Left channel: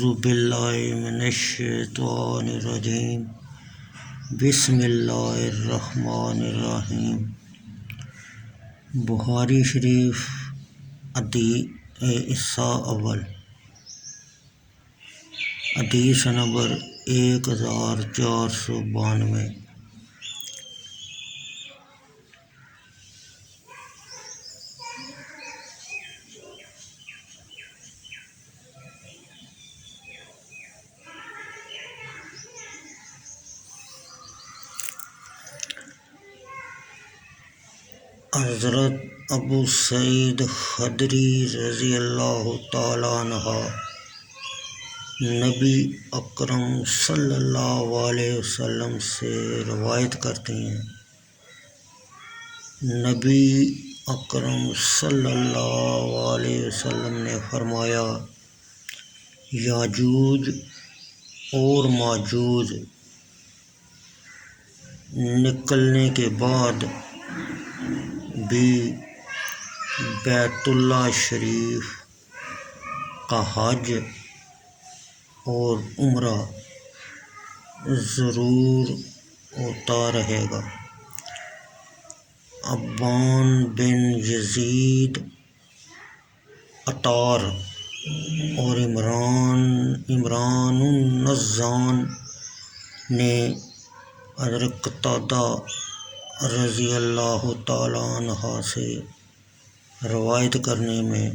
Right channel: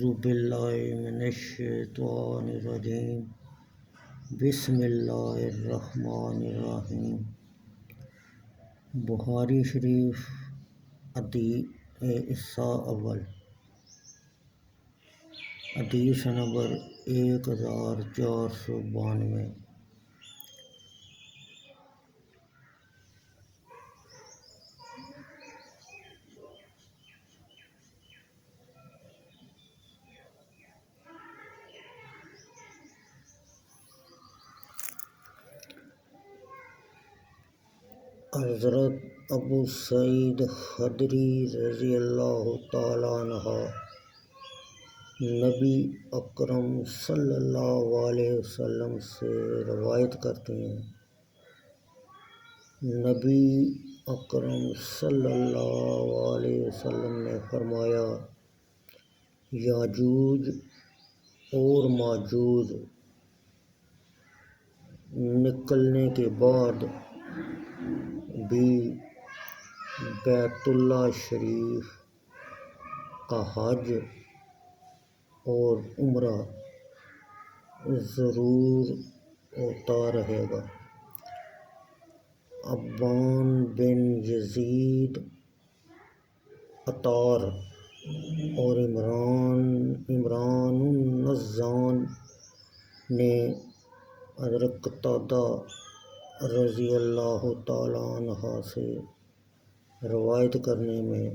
اعوذ باللہ من الشیطان الرجیم بسم اللہ الرحمن الرحیم۔ بخاری شریف حصہ اول، حدیث نمبر 1492۔ حضرت ابو سعید خدری رضی اللہ تعالیٰ عنہ نبی اکرم صلی اللہ علیہ وسلم سے روایت کرتے ہیں، نبی اکرم صلی اللہ علیہ وسلم نے فرمایا، یاجوج اور ماجوج نکلنے کے بعد بھی بیت اللہ شریف کا حج اور عمرہ ضرور ہوتا رہے گا۔ ابان بن یزید عطار اور عمران النزان نے حضرت قتادہ رضی اللہ تعالیٰ عنہ سے روایت کرنے میں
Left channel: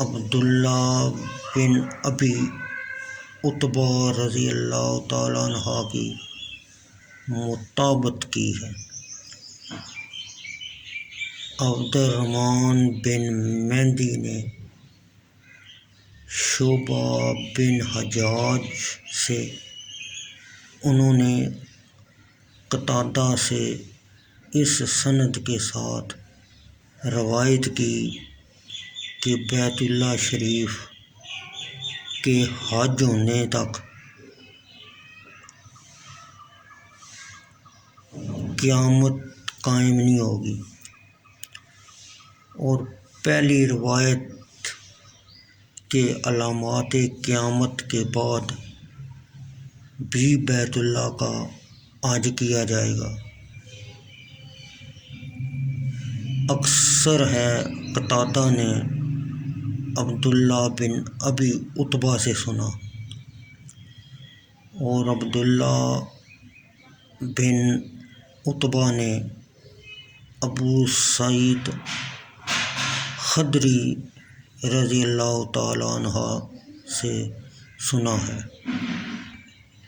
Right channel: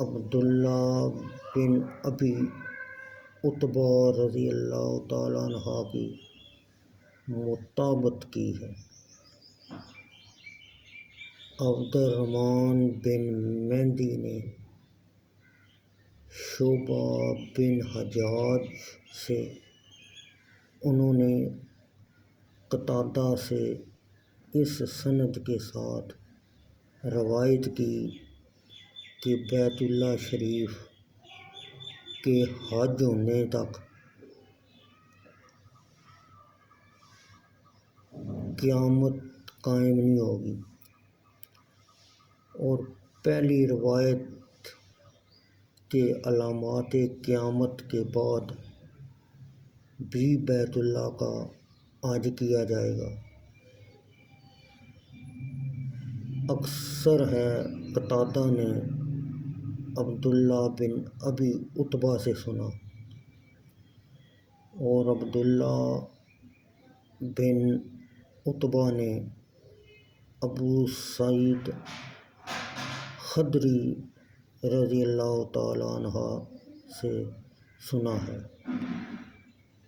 عبداللہ بن ابی عتبہ رضی اللہ تعالیٰ عنہ کی مطابقت کی ہے۔ عبد الرحمن بن مہدی نے شعبہ بن حجاج سے، انہوں نے قتادہ سے اس سند کے ساتھ روایت کی کہ بیت اللہ شریف کے حج ہونے تک قیامت قائم نہیں ہوگی، اور پہلی روایت کے علامات قیامت کے بعد بھی بیت اللہ کا حج کیا جائے گا۔ اکثر ہے قتادہ نے عبداللہ بن ابی عتبہ سے سنا، اور عبداللہ بن عتبہ نے ابو سعید خدری رضی اللہ تعالیٰ عنہ سے سنا ہے۔